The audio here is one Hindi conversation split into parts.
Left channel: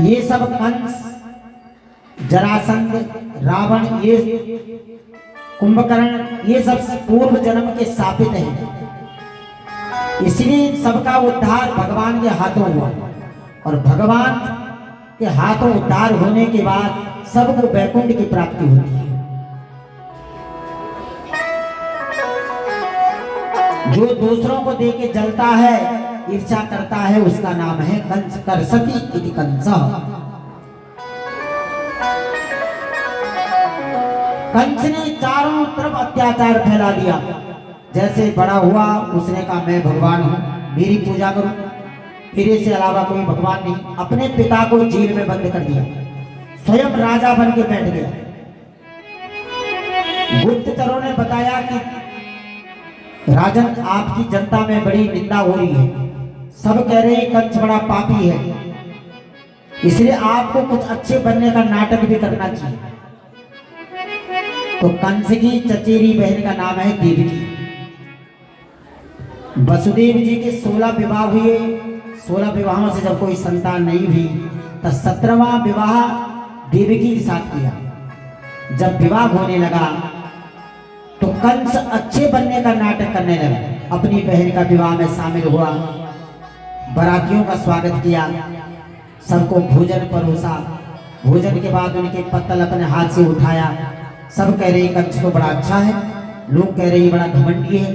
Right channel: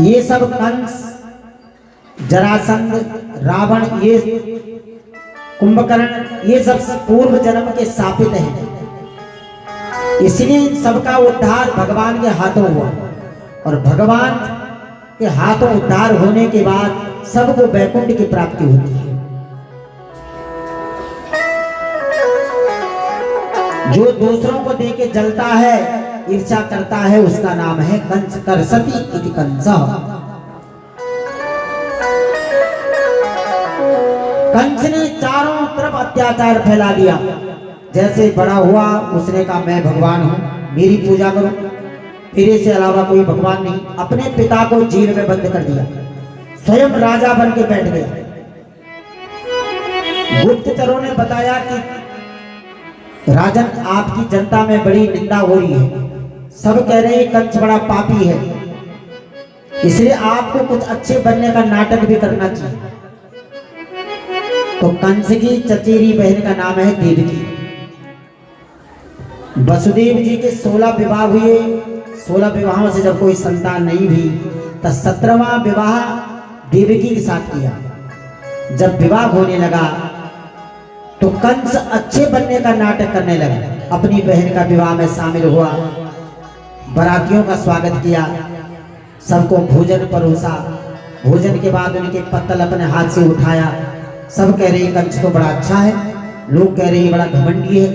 ये सब कंस, जरासंध, रावण, ये कुंभकर्ण, ये सब पूर्व जन्म के शापित हैं। इसलिए इन सबका उद्धार भगवान के हाथों हुआ और भगवान के हाथों उद्धार होने के बाद सबको वैकुंठ की प्राप्ति होती है। जो दूसरों को देके जलता है, ईर्ष्या करता है, उसका नाम है कंस। करसति इति कंस। कंस ने चारों तरफ अत्याचार फैला दिया। जैसे बड़ा हुआ उसने कहा मैं भगवान हूं, मेरी पूजा करो, मेरे से अलावा कोई भगवान नहीं। अपने पिता को जेल में बंद कर दिया, स्वयं राजा बन के बैठ गया। गुप्तचरों ने बताया कि राजन आपकी जनता में बड़ी निंदा हो रही है, सब कह रहे हैं कंस बड़ा पापी है, इसलिए आपको कुछ अच्छे बनने का नाटक भी करना चाहिए। तो कंस की चचेरी बहन का नाम है देवकी। वसुदेव जी के 16 विवाह हुए। 16 विवाहों से जब कोई संतान नहीं हुई तो 17वां विवाह देवकी के साथ किया। जब विवाह होने लगा तो कंस अच्छे बनने का नाटक करने लगा, अपनी बहन का विवाह में शामिल हुआ, बारातियों का स्वागत किया, सबको भोजन परोसा। भोजन के बाद उनके पत्तल अपने हाथ से उठाया। सब कह रहे हैं कंस तो बड़ा अच्छा है, लोग कह रहे हैं बड़ा घमंडी है,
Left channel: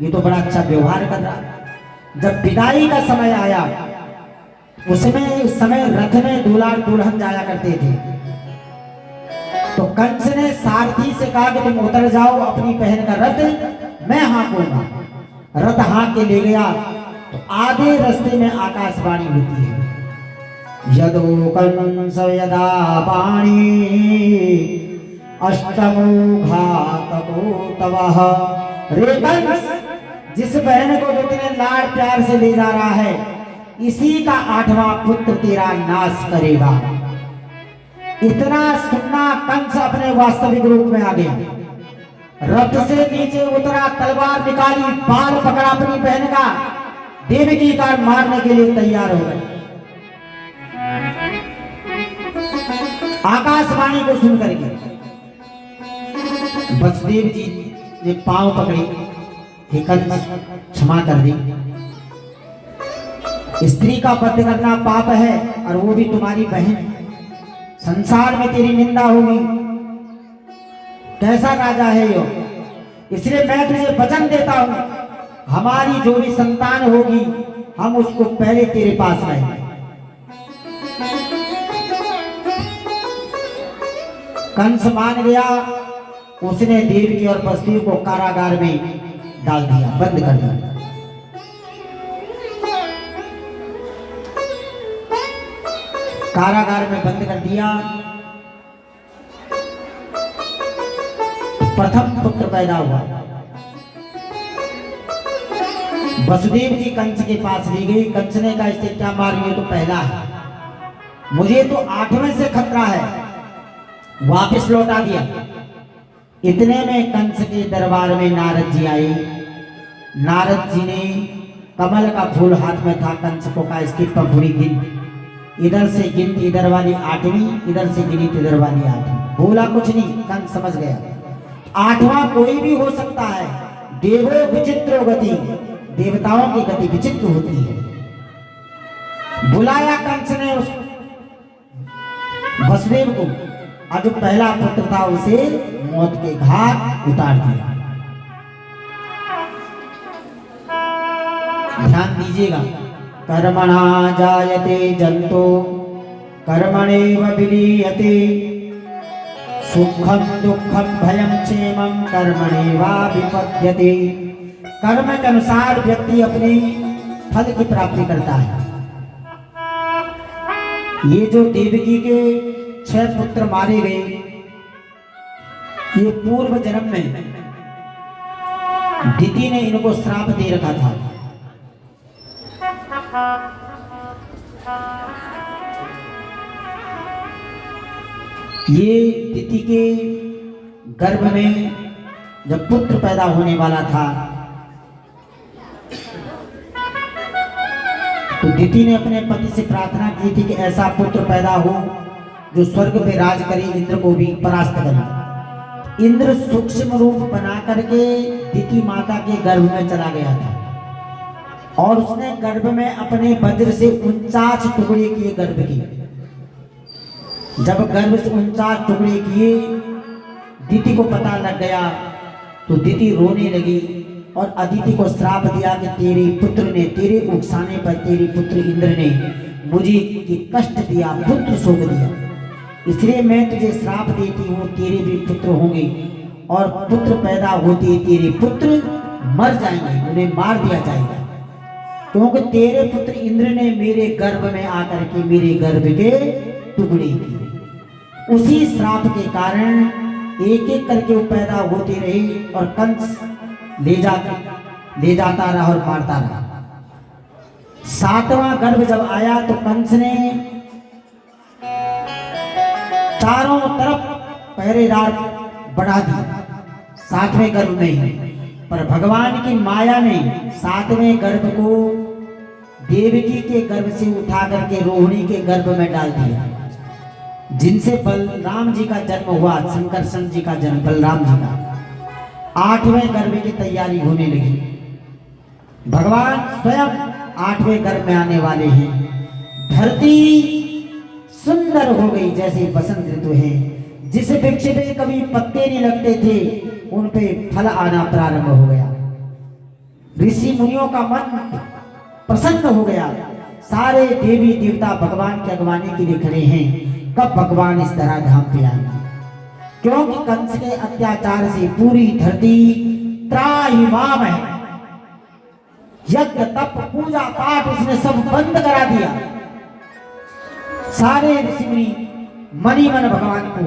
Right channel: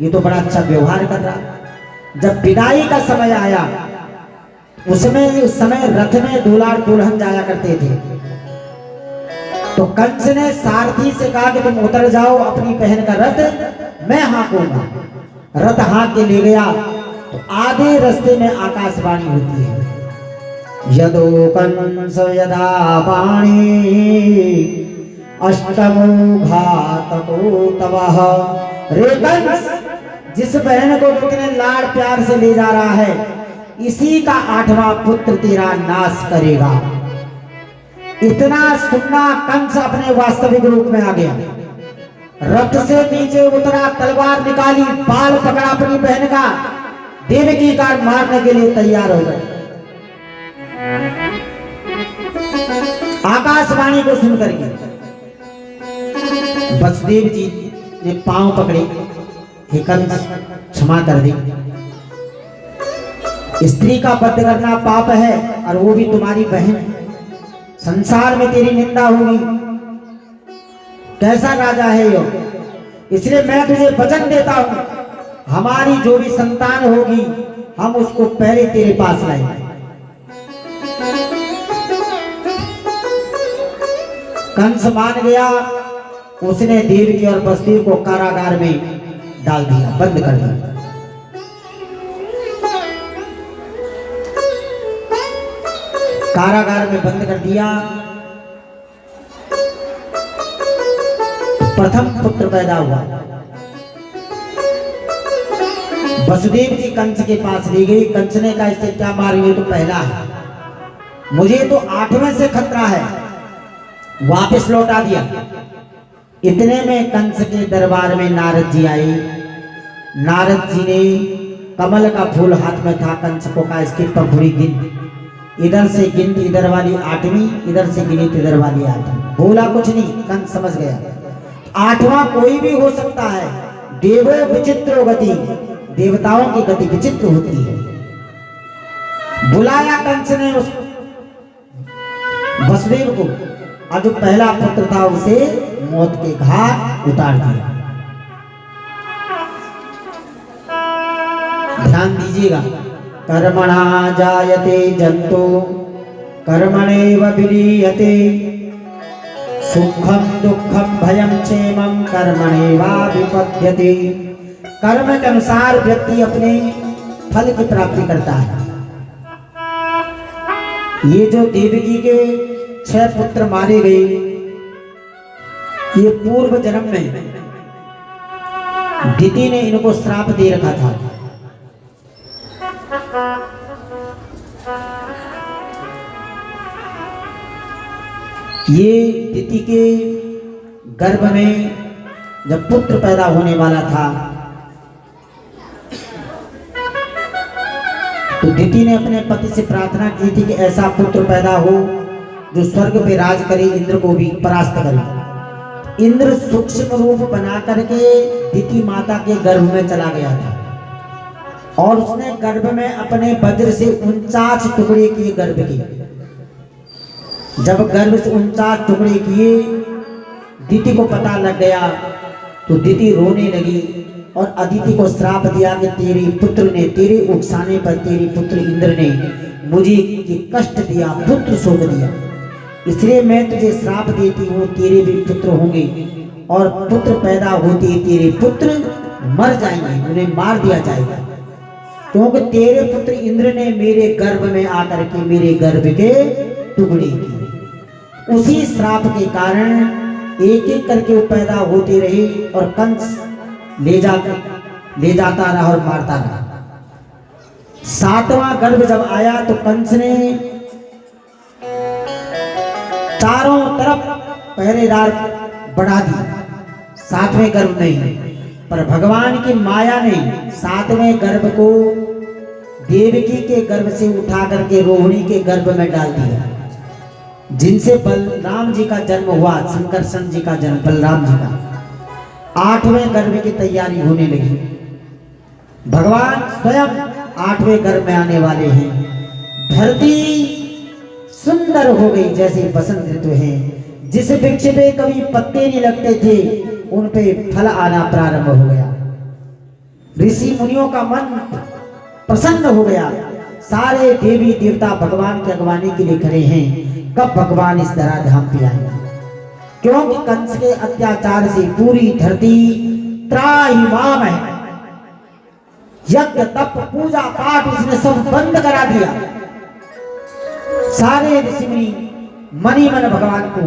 ये तो बड़ा अच्छा व्यवहार कर रहा। जब विदाई का समय आया, उस समय रथ में दूल्हा दुल्हन जाया करते थे। तो कंस ने सारथी से कहा कि तुम उतर जाओ अपनी बहन का रथ, मैं हाँकूंगा। रथ हाँक के ले गया तो आधे रास्ते में आकाशवाणी होती है, यदो कंस यदा पाणी अष्टमो घातको तवः। रे कंस, जिस बहन को इतने लाड़ प्यार से ले जा रहा है, इसी का 8वां पुत्र तेरा नाश करेगा। इतना सुनना कंस अपने वास्तविक रूप में आ गया। रथ से नीचे उतरा, तलवार निकाली, बाल पकड़ा अपनी बहन का, देवकी का मारने के लिए तैयार हो गए। आकाशवाणी को सुनकर के वसुदेव जी ने पांव पकड़े, हे कंस क्षमा कर दे, स्त्री का वध करना पाप है और वो भी तुम्हारी बहन, संसार में तेरी निंदा होगी, कैसा राजा है यो। इसलिए मैं तुझे वचन देता हूं, हमारी जो भी संतान होगी हम उसको पहले तेरे पास लाएंगे। कंस मान गया। उसने देवकी और वसुदेव को कारागार में डाल दिया, बंद कर दिया। कारागार में बंद कर दिया। प्रथम पुत्र पैदा हुआ। वसुदेव जी कंस के पास ले गई। कंस ने कहा इससे क्या मारिए, तो पहला है, मुझे तो 8वें से खतरा है, वापस लौटा दिया। इतने में कंस के दरबार में नारद जी आए। नारद जी ने कमल का फूल हाथ में था, कंस को कहा इसकी पंखुड़ी गिन, इधर से गिन इधर वाली 8वीं, इधर से गिनी इधर वाली 8वीं। बोला कुछ नहीं, कंस समझ गया 8वां कोई भी हो सकता है। देवो विचित्रो गति, देवताओं की गति विचित्र होती है। बुलाया कंस ने उस वसुदेव को, और जो पहला पुत्र था उसे मौत के घाट उतार दिया। ध्यान दीजिएगा, कर्मणा जायते जंतु कर्मणेव विलीयते, सुखम दुखम भयम क्षेमम कर्मणेवाभिपद्यते। कर्म के अनुसार व्यक्ति अपने फल की प्राप्ति करता है। ये जो देवकी के 6 पुत्र मारे गए, ये पूर्व जन्म में दिति ने इनको श्राप दे रखा था। ये दिति के गर्भ में जब पुत्र पैदा होने वाला था तो दिति ने अपने पति से प्रार्थना की थी कि ऐसा पुत्र पैदा हो जो स्वर्ग पे राज करे, इंद्र को भी परास्त करे। इंद्र सूक्ष्म रूप बना करके दिति माता के गर्भ में चला गया था और उसने गर्भ में अपने वज्र से 49 टुकड़े किए गर्भ के। जब गर्भ से 49 टुकड़े किए, दिति को पता लग गया तो दिति रोने लगी और अदिति को श्राप दिया कि तेरे पुत्र ने, तेरे उकसाने पर तेरे पुत्र इंद्र ने मुझे कष्ट दिया, पुत्र शोक दिया, इसलिए मैं तुझे श्राप देती हूँ, तेरे भी पुत्र होंगे और पुत्र पैदा होते तेरे पुत्र मर जाएंगे, उन्हें मार दिया जाएगा, क्योंकि तेरे पुत्र इंद्र ने मेरे गर्भ में आकर के मेरे गर्भ के टुकड़े किए। उसी श्राप के कारण एक एक करके वो पैदा होते रहे और कंस ले जाता रहा और मारता रहा। 7वां गर्भ जब आया तो कंस ने चारों तरफ पहरेदार बढ़ा दी 7वें गर्भ में, पर भगवान की माया ने 7वें गर्भ को देवकी के गर्भ से उठा करके रोहिणी के गर्भ में डाल दिया, जिनसे बलराम जी का जन्म हुआ, संकर्षण जी का जन्म बलराम जी का। 8वें गर्भ की तैयारी होने लगी। भगवान स्वयं 8वें गर्भ में आने वाले हैं। धरती सुंदर हो गई जैसे बसंत ऋतु है। जिस वृक्ष पे कभी पत्ते नहीं लगते थे उन पे फल आना प्रारंभ हो गया। ऋषि मुनियों का मन प्रसन्न हो गया। सारे देवी देवता भगवान की अगवानी के लिए खड़े हैं, कब भगवान इस तरह धाम पे आएंगे, क्योंकि कंस के अत्याचार से पूरी धरती त्राहिमाम है। यज्ञ तप पूजा पाठ इसने सब बंद करा दिया। सारे ऋषि मुनि मनी मन भगवान को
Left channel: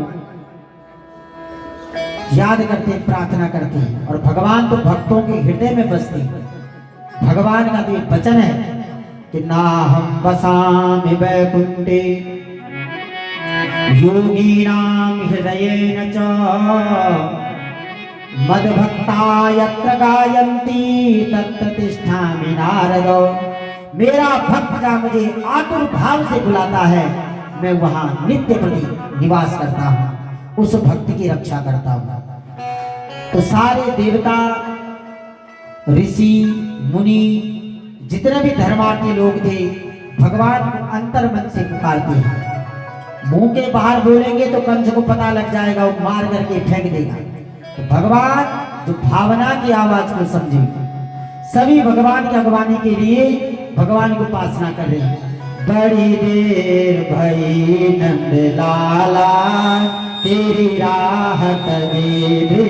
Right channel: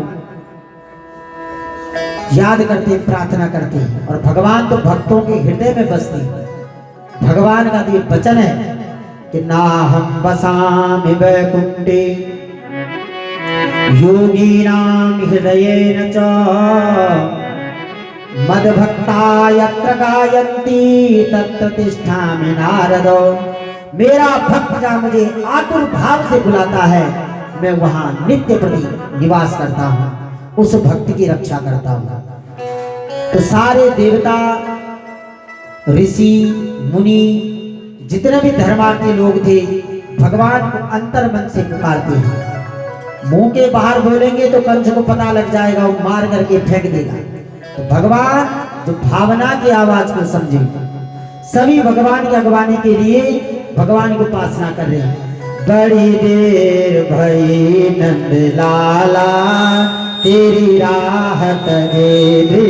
याद करते, प्रार्थना करते हैं और भगवान तो भक्तों के हृदय में बसते हैं। भगवान का तो वचन है कि ना हम बसामि वैकुंठे योगीनां हृदयेन च मद्भक्ता यत्र गायन्ति तत्र तिष्ठामि नारद। मेरा भक्त जहाँ मुझे आतुर भाव से बुलाता है मैं वहां नित्य प्रति निवास करता हूँ, उस भक्त की रक्षा करता हूँ। तो सारे देवता ऋषि मुनि जितने भी धर्मार्थी लोग थे भगवान को अंतर मन से पुकारते हैं। मुंह के बाहर बोलेंगे तो कंस को पता लग जाएगा, वो मार करके फेंक देगा। तो भगवान जो भावना की आवाज को समझे, सभी भगवान की अगवानी के लिए भगवान को उपासना कर रहे हैं। बड़ी देर भई नंद लाला तेरी राह तजे